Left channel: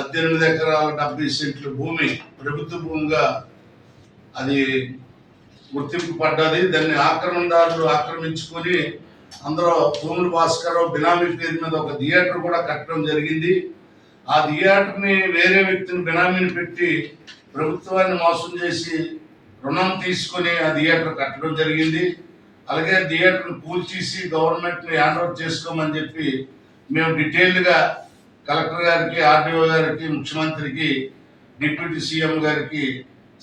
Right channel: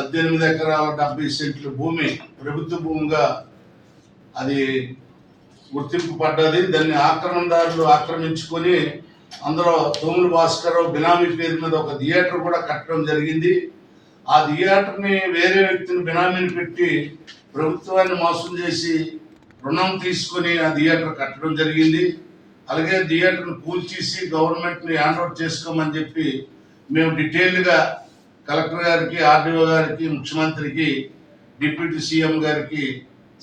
18 ఎకరాల 70 సెంట్లు భూమి ప్రభుత్వ భూమిగా అది గుర్తింపు పడ్డది. దాన్ని ఆక్రమణదారులు ఆక్రమించుకొని అందులో తోముల భాస్కర్ బినామీ పేరు మీద ఒక థియేటర్ కూడా కట్టడం జరిగింది. ఆ థియేటర్ని వేరే వ్యక్తిని బినామీని పెట్టి ప్రభుత్వాన్ని మోసం చేసి రుణం తీసుకొని ఆ థియేటర్ కట్టడం జరిగింది. అలాగే థియేటర్ని కూల్చేసి గవర్నమెంట్ని హ్యాండ్ ఓవర్ చేసుకోమని చెప్పి మేము డీటెయిల్డ్గా కలెక్టర్ గారికి, ఆర్డీఓ గారికి, ముఖ్యమంత్రికి, డిప్యూటీ సీఎం గారికి,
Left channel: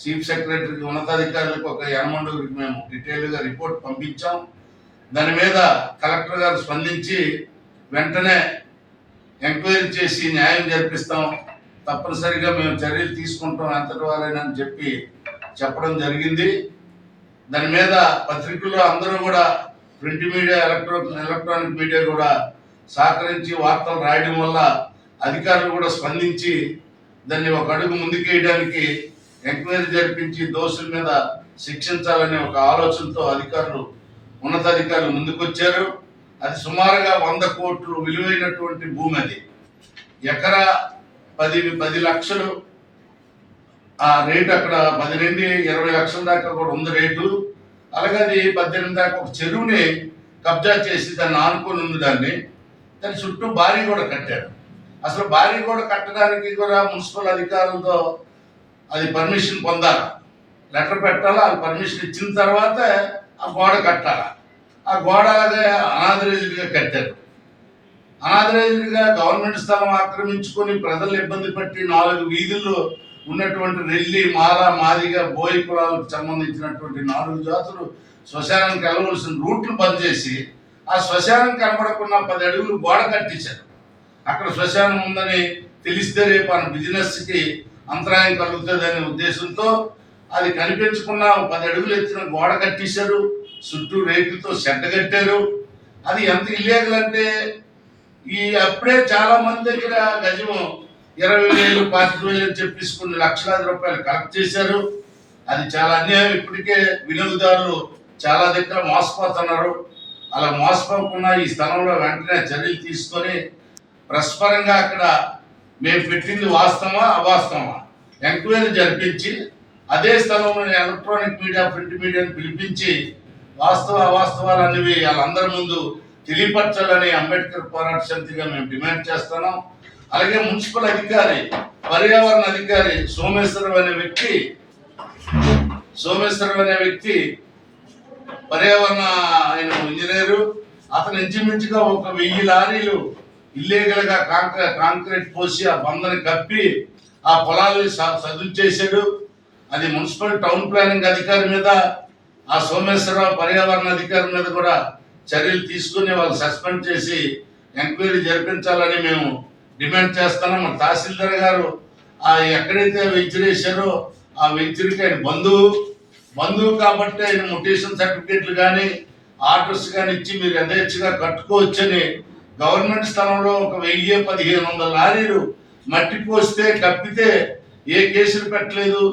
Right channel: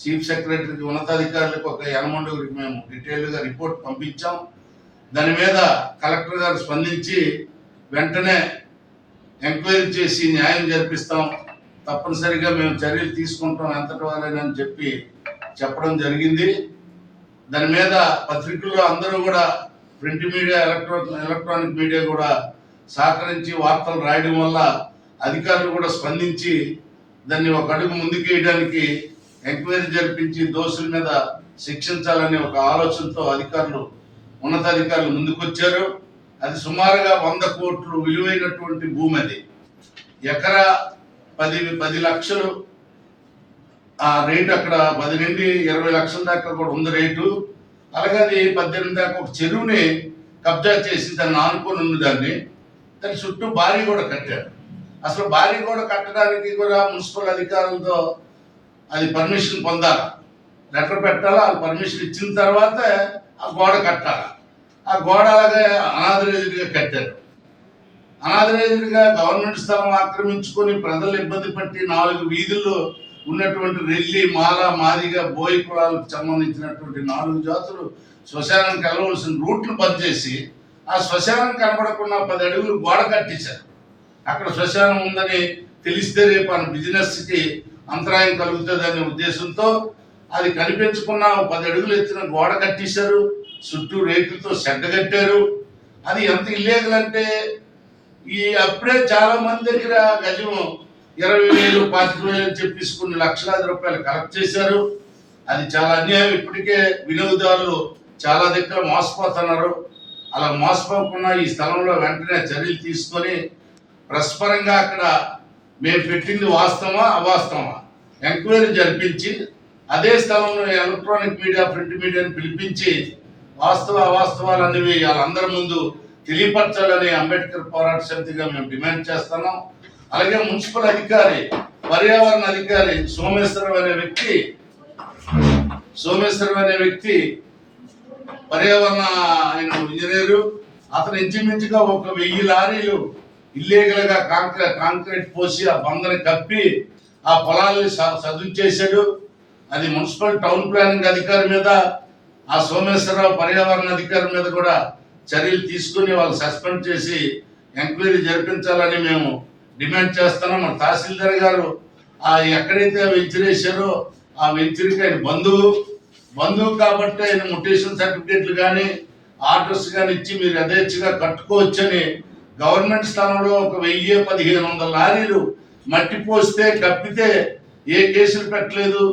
చీఫ్ సెక్రటరీకి, ఉన్నతాధికారులకు ఒక 89 మేము డీటెయిల్డ్గా రిపోర్ట్ పంపించాం. దాని మీద కలెక్టర్ గారు స్పందించి వెంటనే ఎంక్వైరీ చేసి న్యాయం జరిపిస్తాం, తప్పనిసరిగా మేము చర్యలు తీసుకుంటాం ఎంతటి వారైనా అని చెప్పి చెప్పడం జరిగింది. దాని మీద పత్రికల్లో అందరూ కూడా ప్రింట్ మీడియా, ఎలక్ట్రానిక్ మీడియా కూడా సహకరించి వార్తలు రాయడం వల్ల అధికారులు కూడా స్పందించి దాన్ని ఒక అడుగు ముందుకేయడానికి ఎంక్వైరీ జరిపించి దోషుల మీద శిక్షించాలనే ఒక ఆలోచనతో ఉన్నతాధికారులు ముందుకొచ్చారు. అది సుమారుగా 100 కోట్లు విలువైనటువంటి భూమి. అది ఎకరా 10 లక్షలు ఆ రేటు, అక్కడ 10 నుండి 20 లక్షల దాకా కూడా ఉంది రేటు. అలాగే అది 18 దాకా ఒక చెరువుని కబ్జా చేసి దాన్ని ఆనుకొని ఉంది. దాని చుట్టూ భారీ కూడా కట్టారు. అసలు భారీ కూడా కట్టడానికి కూడా మున్సిపల్ అధికారులతో అది పర్మిషన్ పొందాలి, లెటర్ పెట్టాలా, వాళ్ళు పర్మిషన్ ఇచ్చిన తర్వాత ఆ గోడ కట్టాలి. ఆ గోడ అలాగే అనాథరైజ్డ్గా కట్టారు. అనాథరైజ్డ్గా గవర్నమెంట్ స్థలం ఆక్రమించుకొని ప్రజలు ఇబ్బంది పట్టి 4 వీధుల్లో ఉన్నటువంటి రెల్లి, మాల, మాదిగ, బోయి కులాలకు సంబంధించినటువంటి 4 జాతులు శ్మశానానికి వెళ్ళవలసిన రూట్లు బంద్ చేసి ఆ శ్మశానం కనబడకుండా 10 అడుగులు గోడ కట్టించారు. అక్కడ శ్మశానం ఉందని తెలిస్తే రేపు మన బిజినెస్కి అంతరాయం కలుగుతుందనే ఉద్దేశంతో అది కనిపించకుండా 10 అడుగులు ఎత్తిన గోడ కట్టించారు. చుట్టూ రేకులతో షెడ్ కట్టారు. అది ఎంత ఇల్లీగల్ అంటే అప్పుడే చాలా మంది దగ్గర గజం 20,000, 25,000 అని చెప్పేసి కొన్ని లక్షలాది రూపాయలు కలెక్ట్ చేశారు. అది చాలా అన్యాయం. ఇప్పటికే వినియోగదారులు చాలా దగ్గర మోసపోతున్నారు. అలా మోసపోకుండా ఈ స్థలంలో వెంటనే చర్యలు తీసుకొని పరస్పరంగా అక్కడ మేము పెట్టింది వాస్తవమా అవాస్తవమా ఎంక్వైరీ జరిపించి అదే స్థలంలో ఎలక్ట్రానిక్ మీడియా, ప్రింట్ మీడియాని పిలిపించి వాస్తవ అవాస్తవాలు అనేవి వాళ్ళందరి ముందు తెలియపరచాలని అంబేద్కర్ పోరాట సమితిగా మేము డిమాండ్ చేస్తున్నాం. అలాగే మున్సిపల్ అధికారి, పర్యావరణ అధికారి సోమేశ్వరం అనే వ్యక్తి పర్యావరణ ఆయన ఇంజనీరు. అతను ఇంచుమించుగా 1000 లారీలు ఇల్లీగల్గా కాంక్రీట్ పోసి ఆ బందని కప్పి ఆ పొలాలని సదును చేశాడు. అది మున్సిపల్ టౌన్ ప్లానింగ్ అధికారి మీద, ఆ సోమేశ్వరరావు పర్యావరణ అధికారి మీద కూడా చర్యలు తీసుకుని వాళ్ళు సస్పెండ్ చేసి ఎంక్వైరీ జరిపించాలని మేము డిమాండ్ చేస్తున్నాం. మన తహసీల్దార్ గారు ఎక్కడైతే వెంచరేశారో ఆ వెంచరికి ఆయన బంధువు కాబట్టి ఆయన మొటేషన్ సర్టిఫికేట్లు కానీ ఆర్డర్స్ కానీ ఇచ్చి మీరు యథేచ్ఛగా కట్టుకోవచ్చని గవర్నమెంట్ స్థలంలో 1000-1500 లారీలు మట్టి పోస్తే కప్పితే ఏ కేసులు పెట్టలేదు,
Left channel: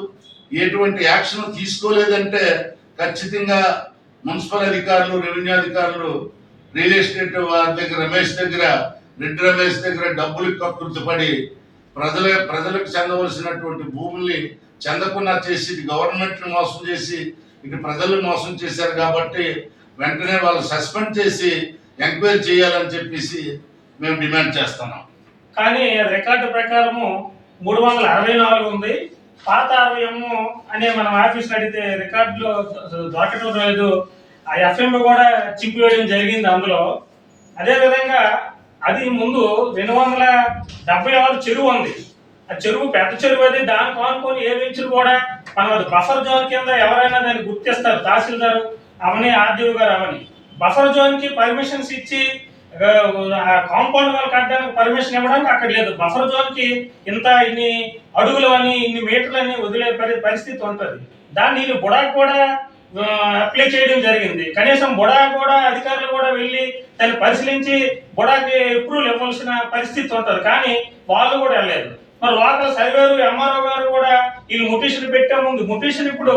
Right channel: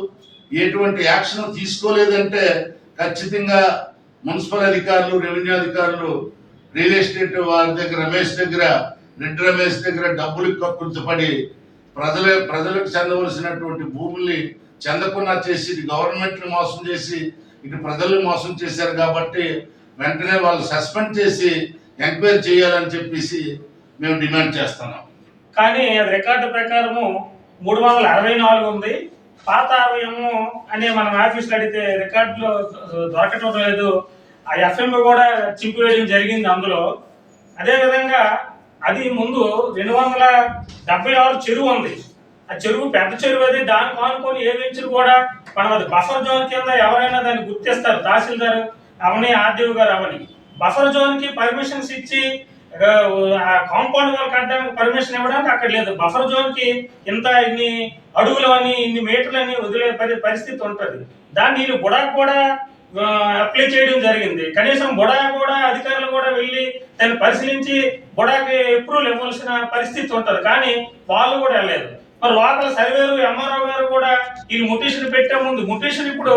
ఎటువంటి యాక్షన్ తీసుకోలేదంటే ఖచ్చితంగా మున్సిపల్ అధికారులు, రెవెన్యూ అధికారులు, రియల్ ఎస్టేట్ వారి దగ్గర రెడ్డి రమేష్ దగ్గర డబ్బులు కక్కుర్తిపడి ప్రజలకు చెందవలసినటువంటి భూముల్ని చెందకుండా చేసి గవర్నమెంట్ని మోసం చేసి ఇటు ప్రజలను మోసం చేశారు. కాబట్టి వెంటనే వాళ్ళు సస్పెండ్ చేసి ఎంక్వైరీ చేయాలని చెప్పేసి మేము డిమాండ్ చేస్తున్నాం. కానీ రికార్డు ప్రకారము 364 ఉంది. పాత 60 అనే మనం ఆఫీస్లో అడిగితే రికార్డులో దొరకటం లేదు. ఆ ఎఫ్ఎం కూడా చింపివేయడం జరిగింది అందులో. అదేవిధంగా అది ముందు 276 చెరువు ఉంది. ఆ చెరువు పెద్ద చెరువు. అది దానికి ఆనుకొని ఏ వెంచర్ కూడా మనం అది బఫర్ జోన్ కింద ఎవరైనా దాన్ని గుర్తిస్తారు. తహసీల్దార్ అవని, ఆర్డీఓ గారు అవని బఫర్ జోన్కి పర్మిషన్స్ ఇచ్చి కాంపౌండ్ వాల్ కట్టడానికి పర్మిషన్ ఇవ్వడానికి అక్కడ లేదు. బఫర్ జోన్కి ఇన్ని అడుగులు అని, ఇన్ని మీటర్లు అని వదిలే పరిస్థితి ఉంటుంది. దాన్ని వీళ్ళు బుడాకు కూడా అప్లై చేయడం జరిగింది. కనీసం బుడా కూడా అధికారులు కూడా వెళ్ళి దాన్ని పరిశీలించి బుడాకి అప్రూవల్ ఇవ్వాల్సిన పరిస్థితి ఉంటుంది. కానీ వాళ్ళు కూడా వెళ్ళలేదు. మరి లోకల్ సర్వేరు, ఎంఆర్ఓ గారు కూడా వీళ్ళు ముటేషన్ పెట్టే ముందు ముటేషన్ ఇప్పుడు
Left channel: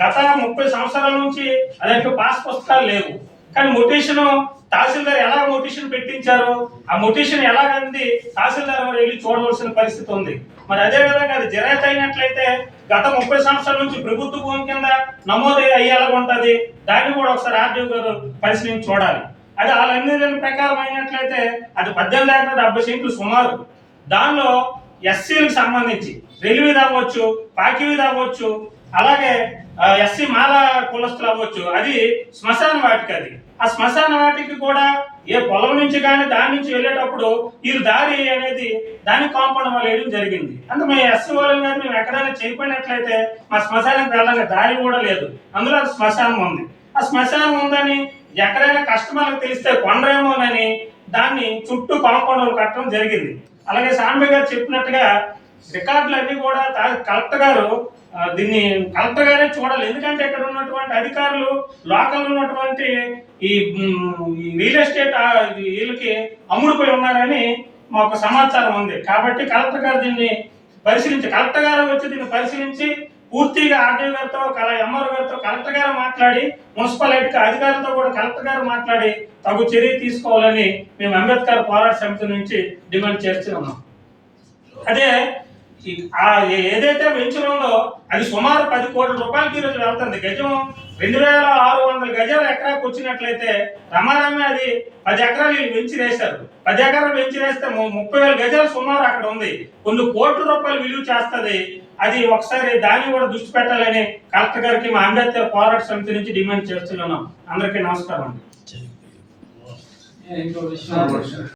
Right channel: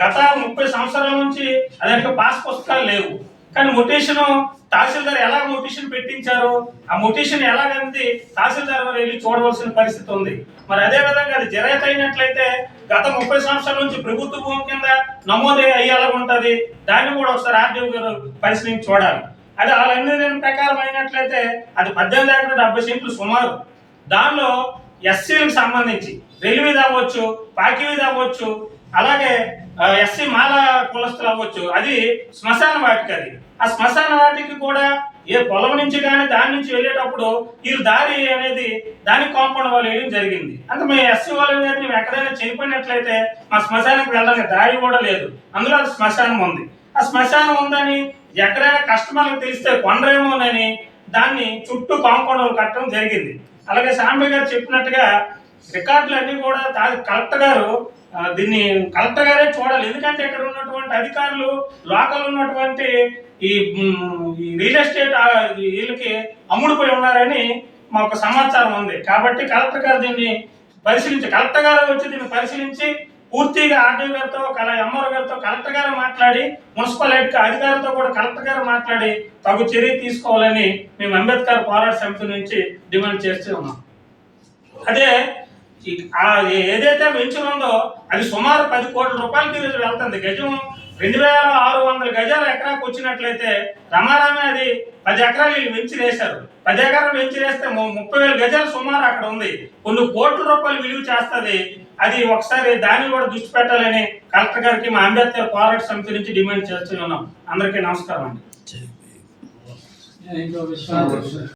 గత 30 సంవత్సరాల నుంచి అదే పాస్ పుస్తకాలు లేవు. కానీ మొటేషన్ తహసీల్దార్ ఎలా మొటేషన్ పెట్టించారు, ఆ మొటేషన్ ఎలాగంది తహసీల్దార్ మరి వెళ్ళి చూడవలసిన పరిస్థితి ఉంది. మరి అదే విధంగా అది జరాయితీ అయినట్లయితే గత 30 సంవత్సరాల నుంచి ప్రభుత్వ భూమి కింద నమోదు అయ్యేలాగా ఉంటుంది, దాన్ని కూడా ఒకసారి ఆర్డీఓ గారు పరిశీలించి చూడాలి. అది వాళ్ళన్ని ప్రకారం అయినట్లయితే అది 18 ఎకరాల 70 సెంట్లు సుమారు. దానిలో ఎస్సీలకు సంబంధించి రెల్వీది అవ్వచ్చు, పాకివీది అవ్వచ్చు, అలాగే ఎస్సీ మాల కులస్తులు అవ్వచ్చు, అది శ్మశాన వాటికి. అది ఆ శ్మశాన వాటికి కూడా ఏ పొలం నుంచి కానీ దాని నుంచి వెళ్ళేటప్పుడు వీళ్ళు దారి అనేది దాని కాంపౌండ్ వాళ్ళు వేయడం జరిగింది. అంటే మేము ఎస్సీ వాళ్ళని కానీ మేము ఎక్కడైనా చనిపోయినట్లయితే మా శ్మశానానికి వెళ్ళడానికి దారి కూడా లేదు, అందులో అది శ్మశానం ఉంది. ఆ శ్మశానం ఉందని ఎక్కడైనా కస్టమర్లకు తెలిస్తే కొండరేమోనని దాన్ని చుట్టూ కాంపౌండ్ వాళ్ళు కట్టడం జరిగింది. అలాగే సాంబి గారు చెప్పినట్టుగా రికార్డులు అన్ని కూడా కలెక్టర్ గారు దీన్ని కలెక్టర్ గారే చూడాలి. ఎందుకంటే ఇక్కడ ఉన్నటువంటి అధికారులు లోకల్ ఉన్నటువంటి ఈ రియల్ ఎస్టేట్ వీళ్ళకి అమ్ముడుపోయి ఉన్నారని మాకు సమాచారం ఉంది. కాబట్టి కలెక్టర్ గారు దీన్ని కలెక్టర్ గారు వచ్చి దీన్ని పరిశీలించి పూర్తిగా ఆర్డీఓ గారితో ఎంఆర్ఓ గారితో కలెక్టర్ గారు మాట్లాడి మున్సిపాలిటీ అధికారులతో కూడా కలెక్టర్ గారు మాట్లాడి తగు చర్య తీసుకోవాలని మేము అంబేద్కర్ పోరాట సమితి నుంచి డిమాండ్ చేస్తూ ఉన్నాం. అదే ఏదైతే వెంచర్ ఉందో అది సుమారు 10 కోట్ల రూపాయలకి ఈరోజు వెళ్తుంది. గజం 2600 గజాల ఎకరాకు వచ్చినట్లయితే రమారామే అది 10 ఎకరాలు వీళ్ళు వెంచర్ వేశారు. 10 ఎకరాలు వెంచర్ వేస్తే 30,000 గజాలు సుమారు అక్కడ ఉంది, కొన్ని కోట్ల రూపాయలు విలువ చేస్తుంది. అది ఒకసారి దాన్ని కూడా దృష్టి పెట్టాలని కలెక్టర్ గారికి మా అంబేద్కర్ పోరాట సమితి నుంచి డిమాండ్ చేస్తున్నాం. అందరికీ నమస్కారం అండి.